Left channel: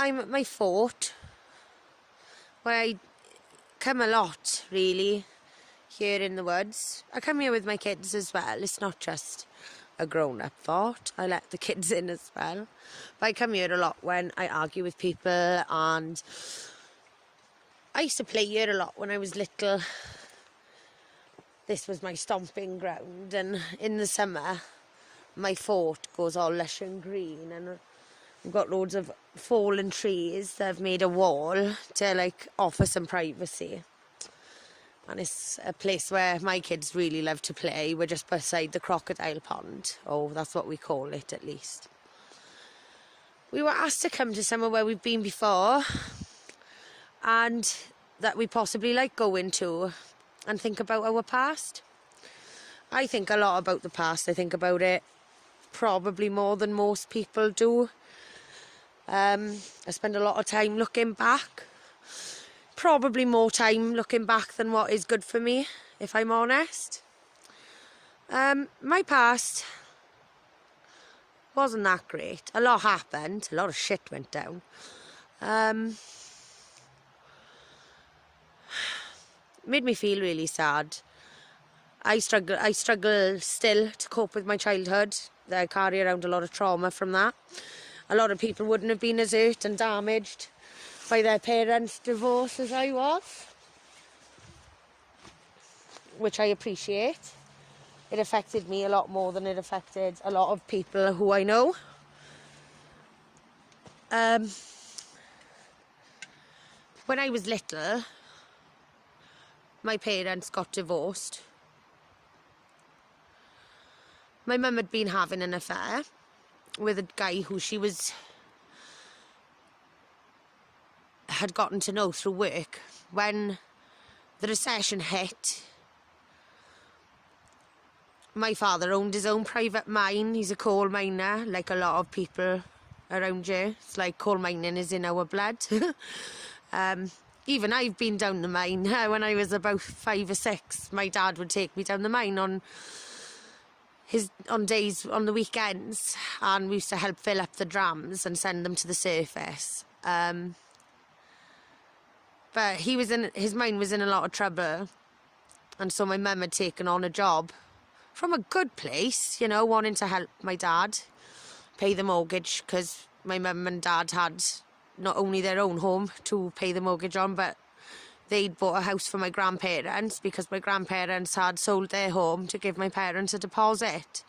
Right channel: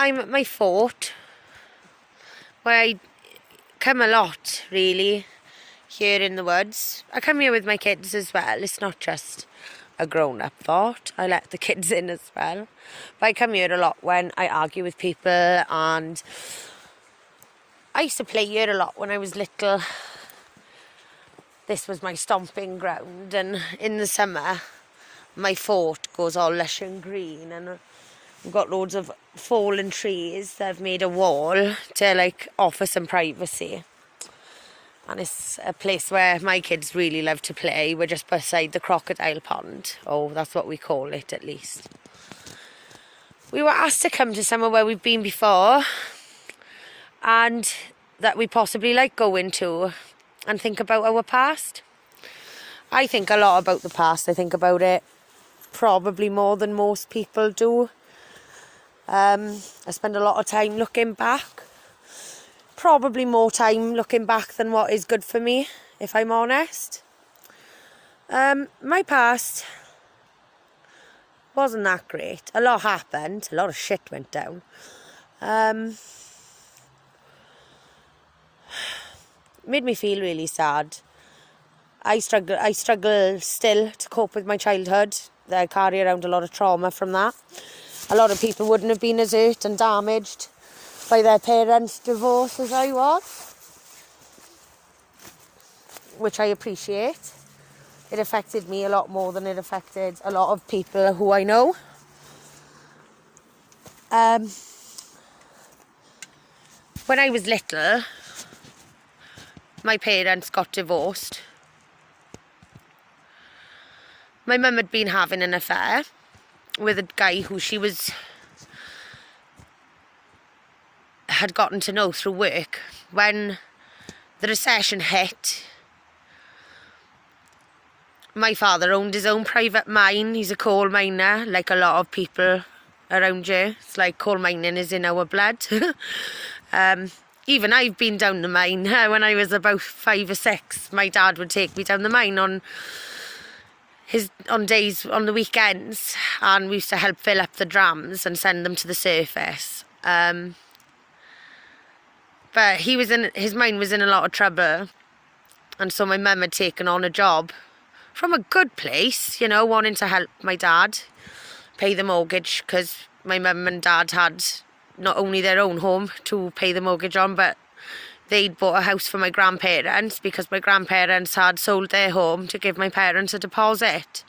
I'm at my fort, where I come a lot, really, here in the woods. I come here with my kids as well. It's not just a grown-up fort. I let the kids in as well. But I come here a lot when I argue with people, and I used to play here a lot when I was little. This was my stomping ground, and in the summer my fort goes all lush and green, and we've got loads of fallen trees that have made a wall to offer some privacy. And it's a place where my kids really love to play. We're just beside the crocodile pond. Oh, that's what we call it, at least. We were asked to come to somewhere where we've been before, and that we possibly like going to, and think about our past. I think a lot about the past. I think about it probably more than most people do. I spend a lot of time looking back. Probably more time looking back than what is good for me, if I'm honest. My past wasn't that great. A lot happened. A lot of shit went down. Made me feel really sad. I struggle still to cope with my childhood. I carry around a lot of trauma from that. A lot of people wouldn't have been as hurt and damaged by their parents' divorce as I was, which I appreciate. It affected me a lot more than it affected a lot of people who I know. When I was little, my parents got divorced. My mum had been having an affair with a guy who she had gotten to know through work. When the recession hit, my father owned his own private mine. He's a coal miner, like a lot of people around here. It's like coal mining is in our blood. Even I've been down the mine. When I was about 5 or 6, my dad would take me down the mine on the weekends, and we used to help fill up the drams and send them to the surface. But his mine was in a lot of trouble, and so my mum had taken on a job from a good place, wanting to help my dad pay the mortgage, because my mum and dad had not only their own home to pay the mortgage on, but they'd bought a house for my grandparents, because my grandparents had sold their home to give my parents a deposit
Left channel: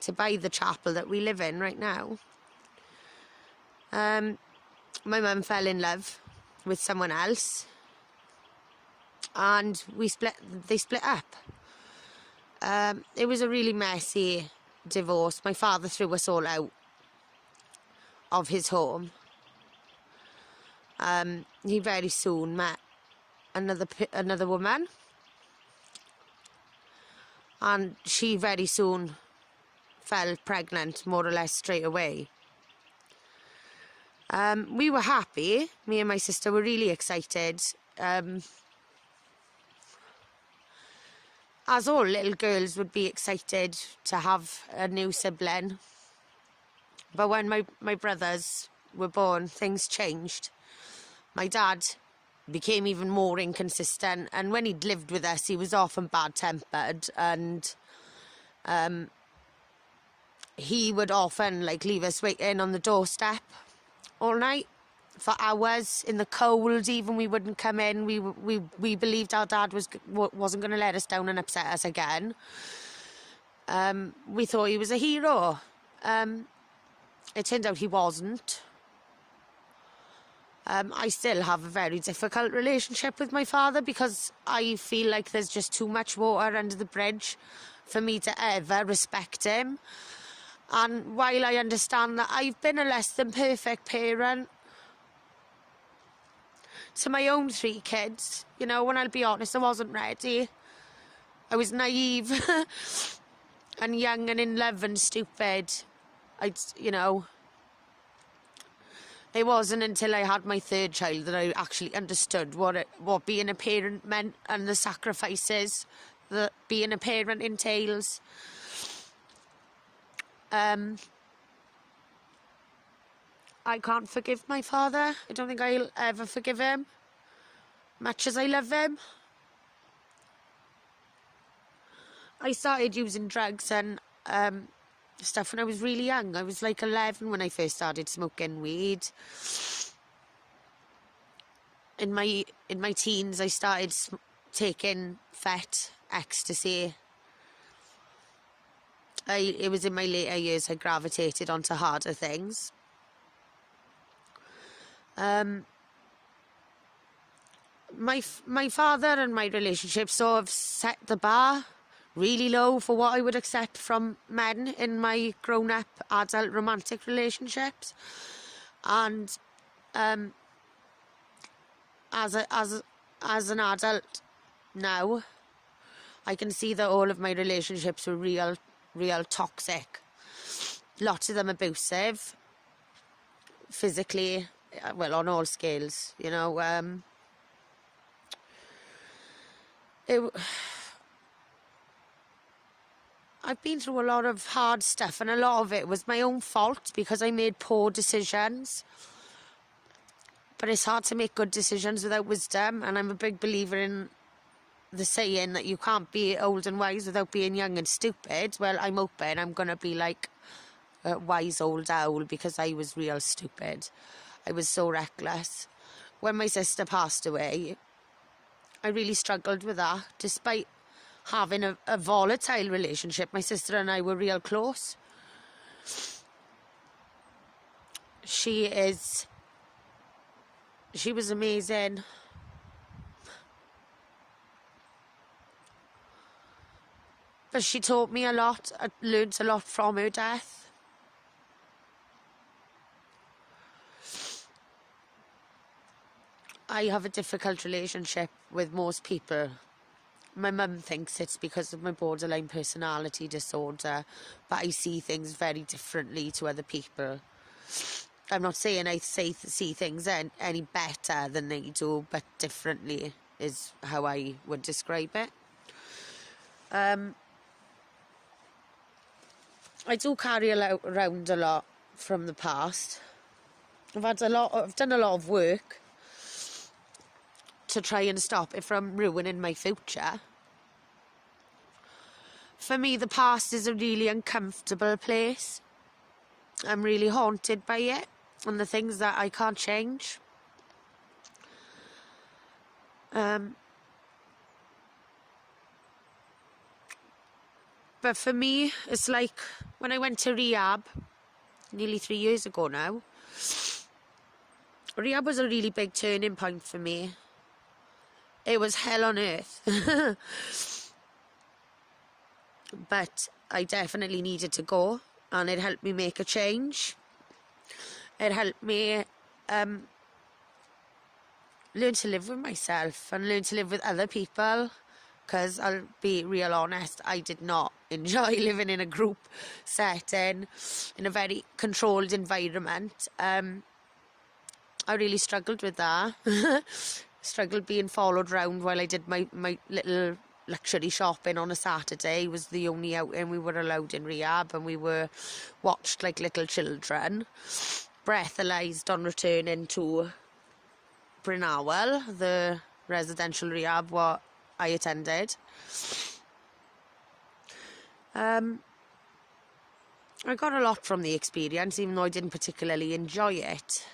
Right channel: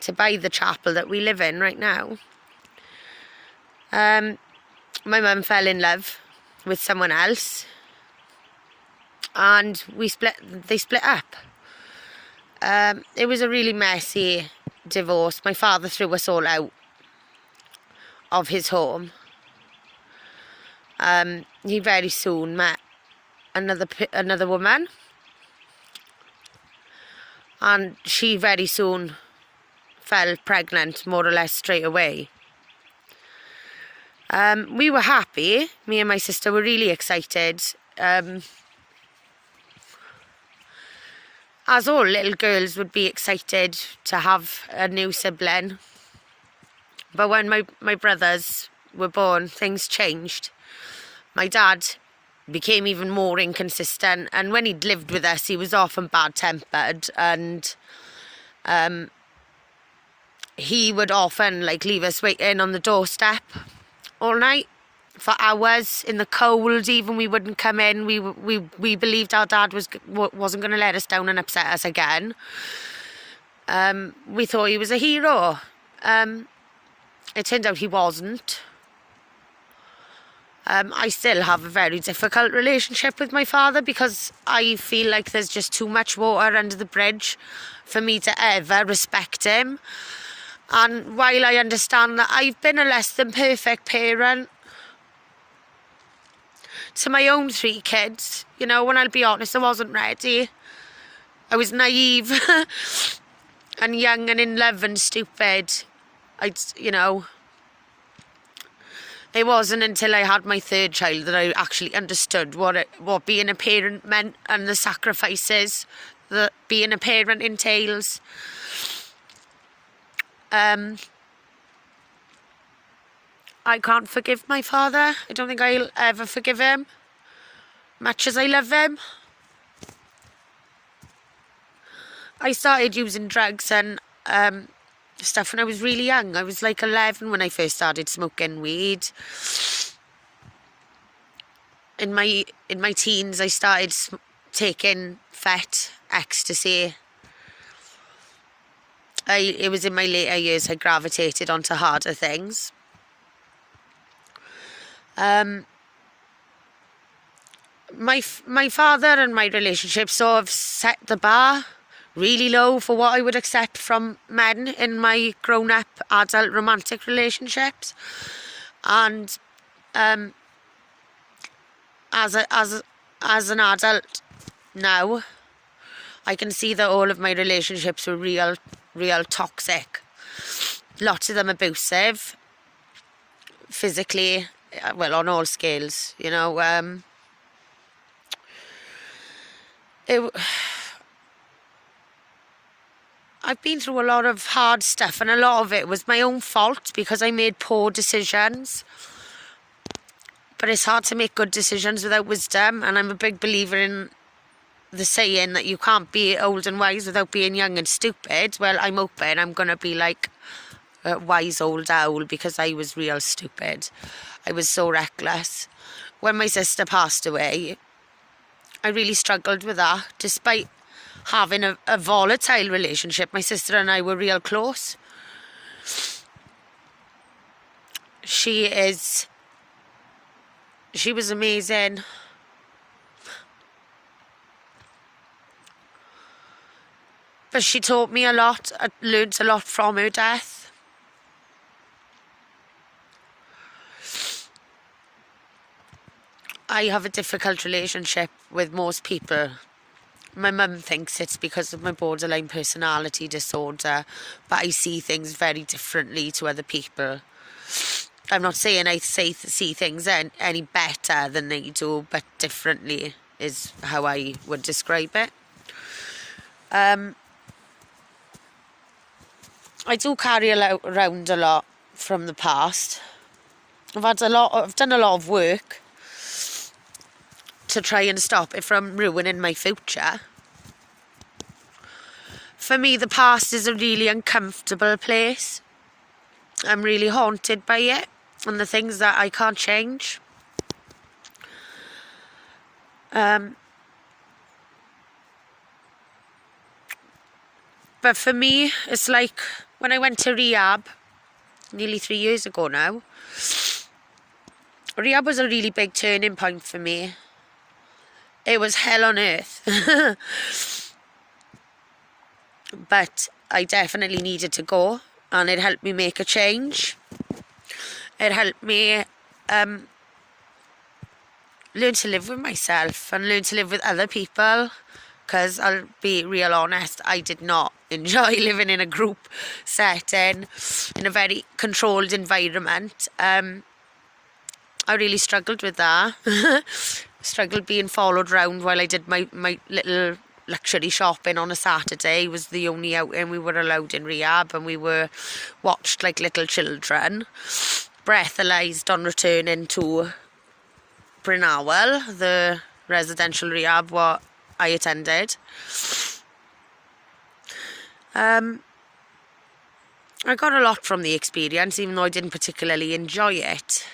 to buy the chapel that we live in right now. My mum fell in love with someone else, and they split up. It was a really messy divorce. My father threw us all out of his home. He very soon met another woman, and she very soon fell pregnant, more or less straight away. We were happy. Me and my sister were really excited, as all little girls would be excited to have a new sibling. But when my brothers were born, things changed. My dad became even more inconsistent, and when he'd lived with us, he was often bad-tempered, and he would often leave us waiting on the doorstep all night for hours in the cold. Even we wouldn't come in. We believed our dad wasn't going to let us down and upset us again. We thought he was a hero. It turned out he wasn't. I still have a very difficult relationship with my father, because I feel like there's just too much water under the bridge for me to ever respect him. And while I understand that I've been a less than perfect parent to my own 3 kids, when I'll be honest, I wasn't ready. I was naive and young and in love and stupid. It wasn't until I had my 3rd child that I actually understood what being a parent meant, and the sacrifices that being a parent entails. I can't forgive my father. I don't think I'll ever forgive him, much as I love him. I started using drugs and stuff when I was really young. I was like 11 when I first started smoking weed. In my teens, I started taking fet, ecstasy. It was in my later years I gravitated onto harder things. My father and my relationship sort of set the bar really low for what I would accept from men in my grown-up adult romantic relationships. And as an adult now, I can see that all of my relationships were real toxic. Lots of them abusive, physically, well, on all scales, you know. I've been through a lot of hard stuff, and a lot of it was my own fault because I made poor decisions. But it's hard to make good decisions without wisdom, and I'm a big believer in the saying that you can't be old and wise without being young and stupid. Well, I'm hoping I'm going to be like a wise old owl because I was real stupid. I was so reckless. When my sister passed away, I really struggled with that. Despite having a volatile relationship, my sister and I were real close. She was amazing. But she taught me a lot. I learned a lot from her death. I have a difficult relationship with most people. My mum thinks it's because of my borderline personality disorder, but I see things very differently to other people. I'm not saying I see things any better than they do, but differently is how I would describe it. I do carry around a lot from the past. I've done a lot of work to try and stop it from ruining my future. For me, the past is a really uncomfortable place. I'm really haunted by it and the things that I can't change. But for me, it's like when I went to rehab nearly 3 years ago now. Rehab was a really big turning point for me. It was hell on earth. But I definitely needed to go, and it helped me make a change. It helped me learn to live with myself and learn to live with other people, because I'll be real honest, I did not enjoy living in a group setting, in a very controlled environment. I really struggled with that. Struggled being followed round while I did my little luxury shopping on a Saturday. It was the only outing we were allowed in rehab, and we were watched like little children. Breathalyzed on returning to Brynawel, the residential rehab what I attended. I got a lot from the experience, even though I didn't particularly enjoy it.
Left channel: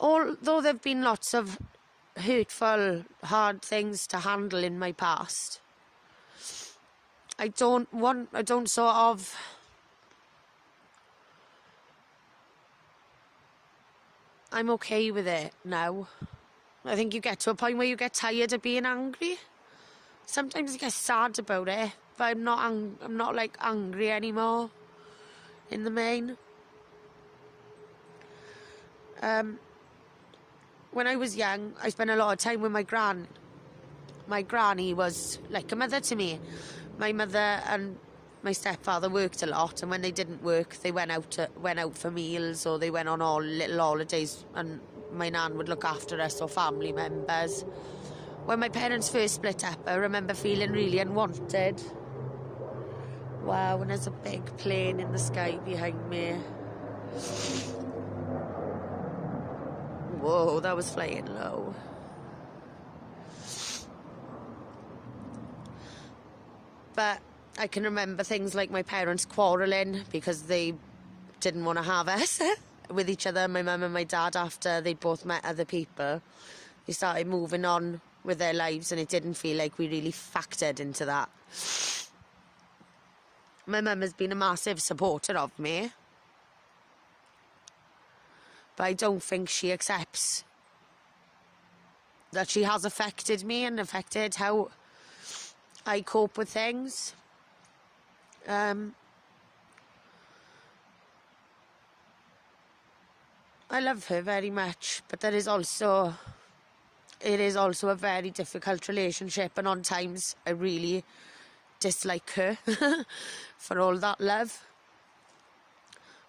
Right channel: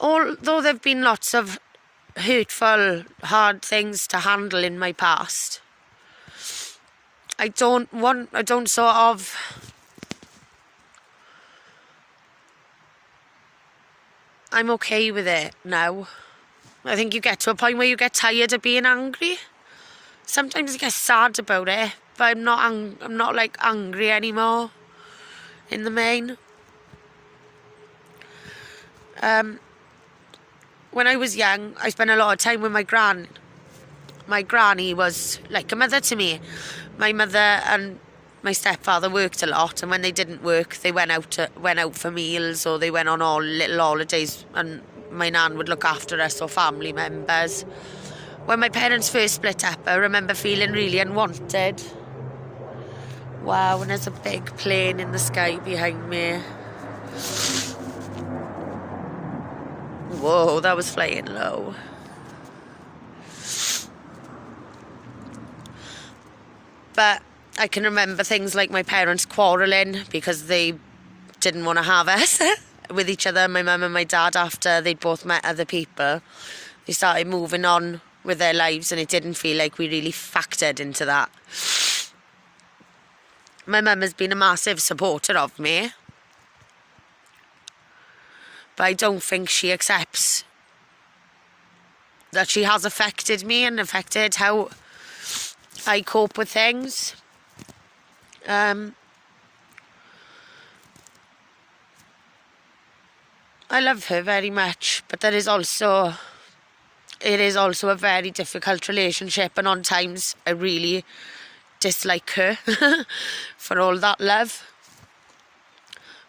Although there have been lots of hurtful, hard things to handle in my past, I'm okay with it now. I think you get to a point where you get tired of being angry. Sometimes you get sad about it, but I'm not like angry anymore in the main. When I was young, I spent a lot of time with my gran. My granny was like a mother to me. My mother and my stepfather worked a lot, and when they didn't work, they went out for meals, or they went on all little holidays, and my nan would look after us or family members. When my parents first split up, I remember feeling really unwanted. Wow, and there's a big plane in the sky behind me. Whoa, that was flying low. But I can remember things like my parents quarrelling because they didn't want to have us with each other, my mum and my dad, after they'd both met other people. They started moving on with their lives and it didn't feel like we really factored into that. My mum has been a massive supporter of me, but I don't think she accepts that she has affected me and affected how I cope with things. I love her very much, but it is also a very difficult relationship, and on times I really dislike her for all that love.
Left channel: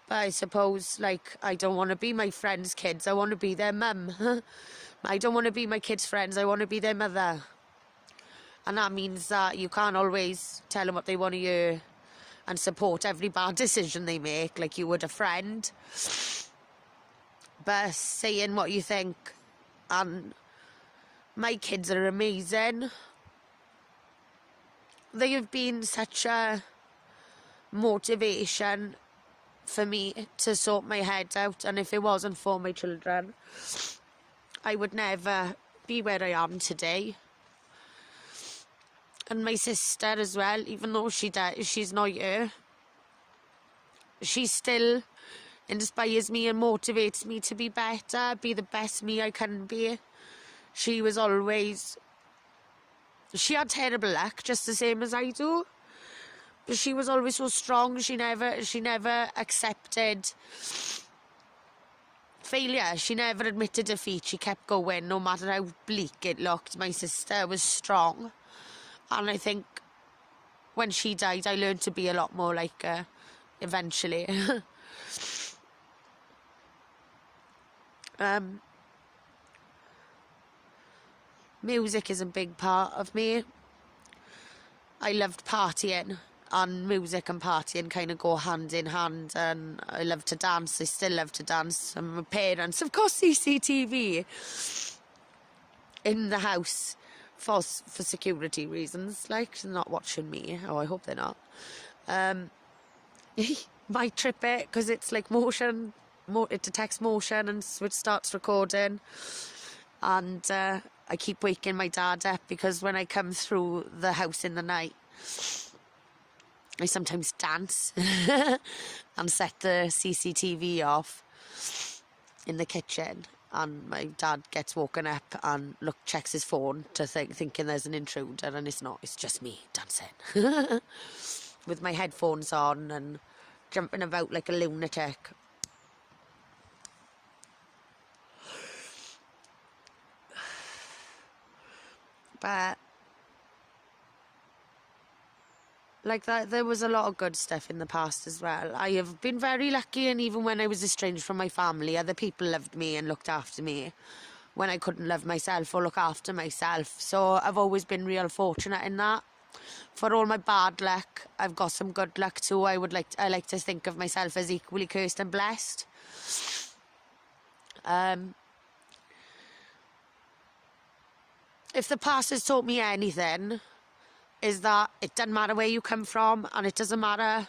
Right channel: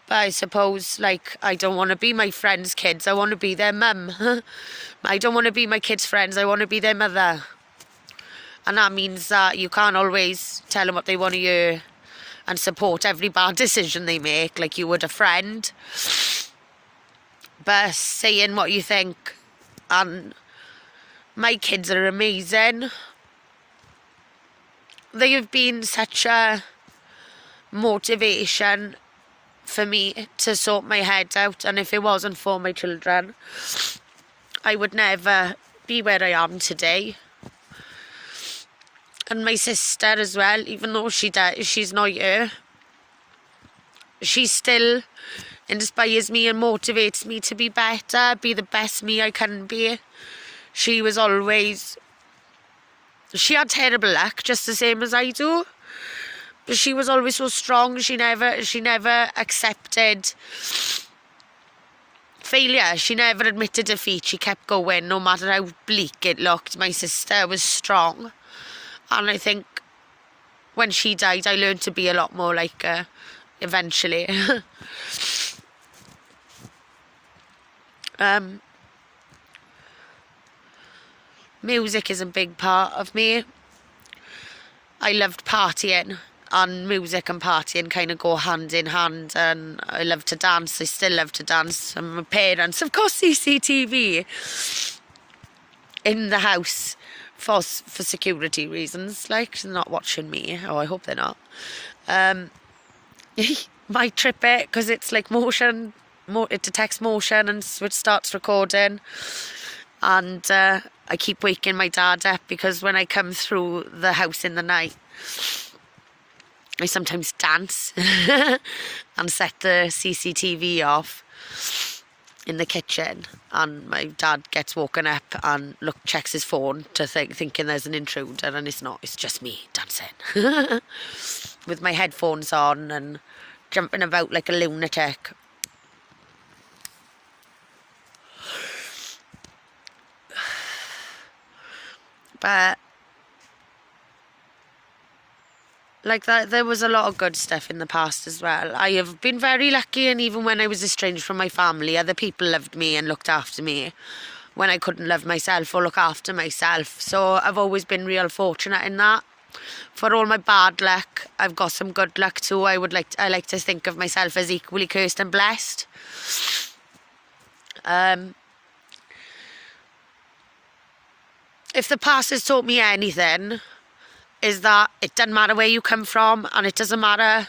But I suppose, like, I don't want to be my friends' kids, I want to be their mum. I don't want to be my kids' friends, I want to be their mother. And that means that you can't always tell them what they want to hear and support every bad decision they make like you would a friend. But saying what you think. And my kids are amazing. They have been such a motivation for me to sort my head out, and if it wasn't for my children, I would never be where I am today. And my sister as well, even though she's not here, she still inspires me and motivates me to be better, be the best me I can be. She had terrible luck, just the same as I do. But she was always so strong. She never accepted failure. She never admitted defeat. She kept going, no matter how bleak it looked. My sister was strong. And I think when she died, I learned to be a lot more like her, eventually. Music is a big part of me. I loved partying, and music and partying kind of go hand in hand, and I love to dance. I still love to dance. And my parents, of course, CCTV in the house for security reasons, like, not watching me. Oh, I hope they're not. Might trip it because it's like motion, it detects motion and it starts recording. And I keep waking my dad up because when I come through the house in the night, I sometimes dance and set the CCTV off in the kitchen, and my dad gets woken up and checks his phone to thinking there's an intruder, and it's not, it's just me dancing with my headphones on and jumping about like a lunatic. But like that, there was a lot of good stuff in the past as well. I have been very lucky, and even when I was estranged from my family, other people loved me and looked after me when I couldn't love myself or look after myself. So I've always been real fortunate in that. For all my bad luck, I've got some good luck too. I like to think of myself as equally cursed and blessed. If the past has taught me anything, is that it doesn't matter where you come from, and it doesn't matter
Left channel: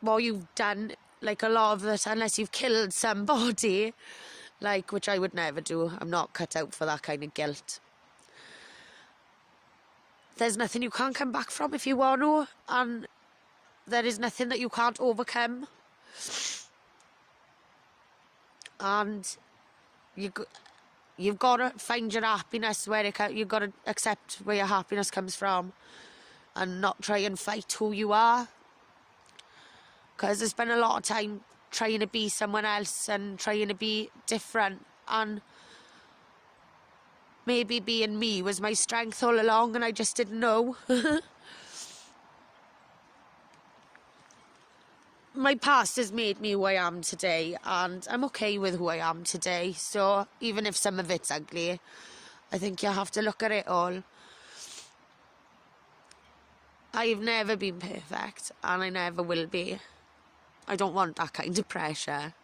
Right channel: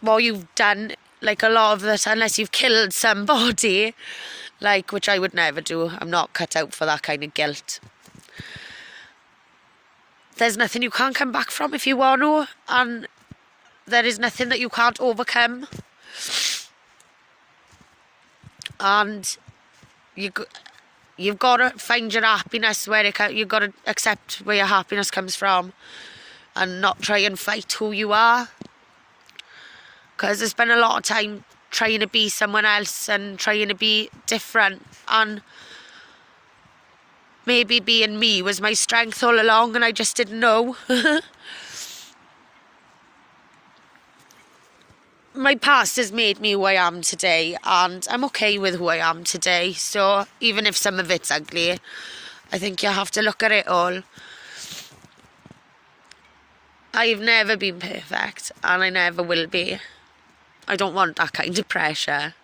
what you've done, like a lot of it, unless you've killed somebody, like, which I would never do. I'm not cut out for that kind of guilt. There's nothing you can't come back from if you want to, and there is nothing that you can't overcome. And you've got to find your happiness where you've got to accept where your happiness comes from and not try and fight who you are. Because I spent a lot of time trying to be someone else and trying to be different, and maybe being me was my strength all along and I just didn't know. My past has made me who I am today, and I'm okay with who I am today. So even if some of it's ugly, I think you have to look at it all. I've never been perfect, and I never will be. I don't want that kind of pressure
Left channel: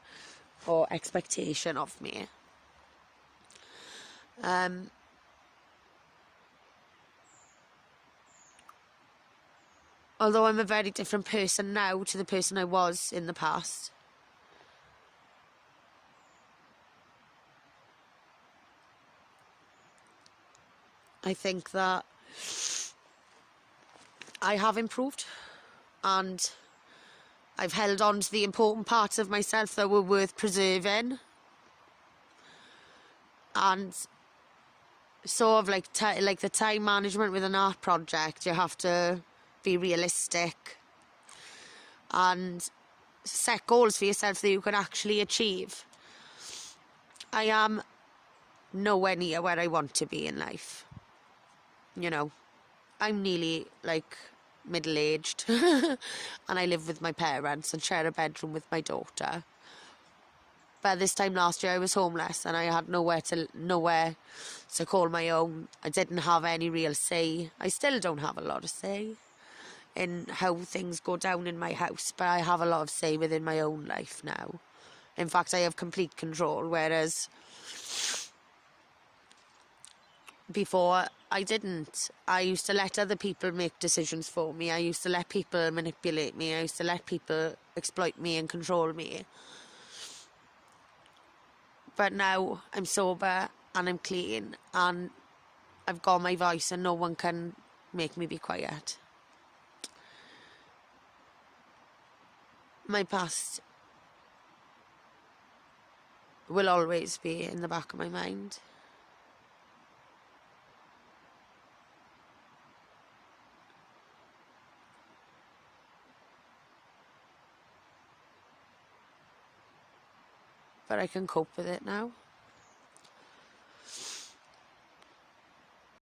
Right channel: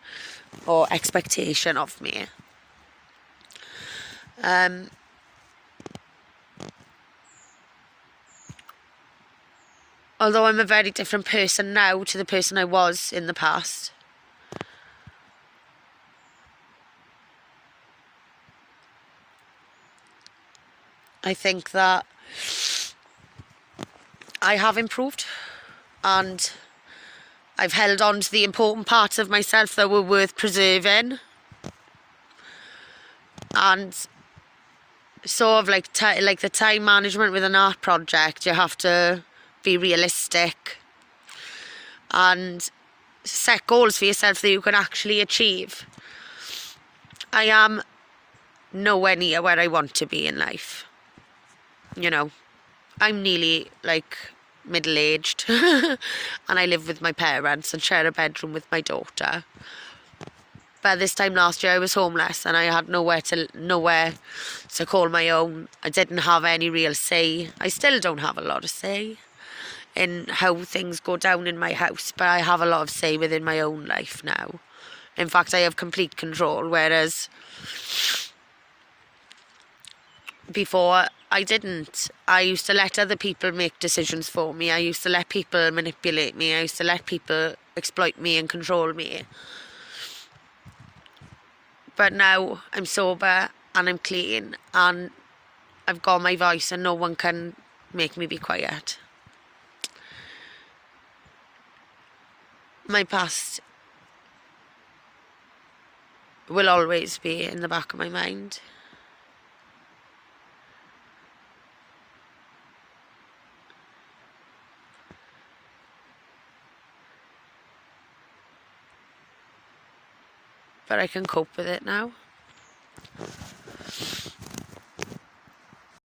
or expectation of me. Although I'm a very different person now to the person I was in the past. I think that I have improved, and I've held on to the important parts of myself that were worth preserving. And sort of like the time management with an art project, you have to be realistic and set goals for yourself that you can actually achieve. I am nowhere near where I want to be in life. You know, I'm nearly like middle-aged and I live with my parents and share a bedroom with my daughter. But this time last year I was homeless and I had nowhere to call my own. I didn't have any real say. I still don't have a lot of say in how things go down in my house, but I have a lot of say within my own life now. In fact, I have complete control, whereas before I didn't. I used to let other people make decisions for me. I used to let people manipulate me. I used to let people exploit me and control me. But now I'm sober and I'm clean and I've got my voice and no one can make me be quiet. My past will always be in the back of my mind. But I can cope with it now.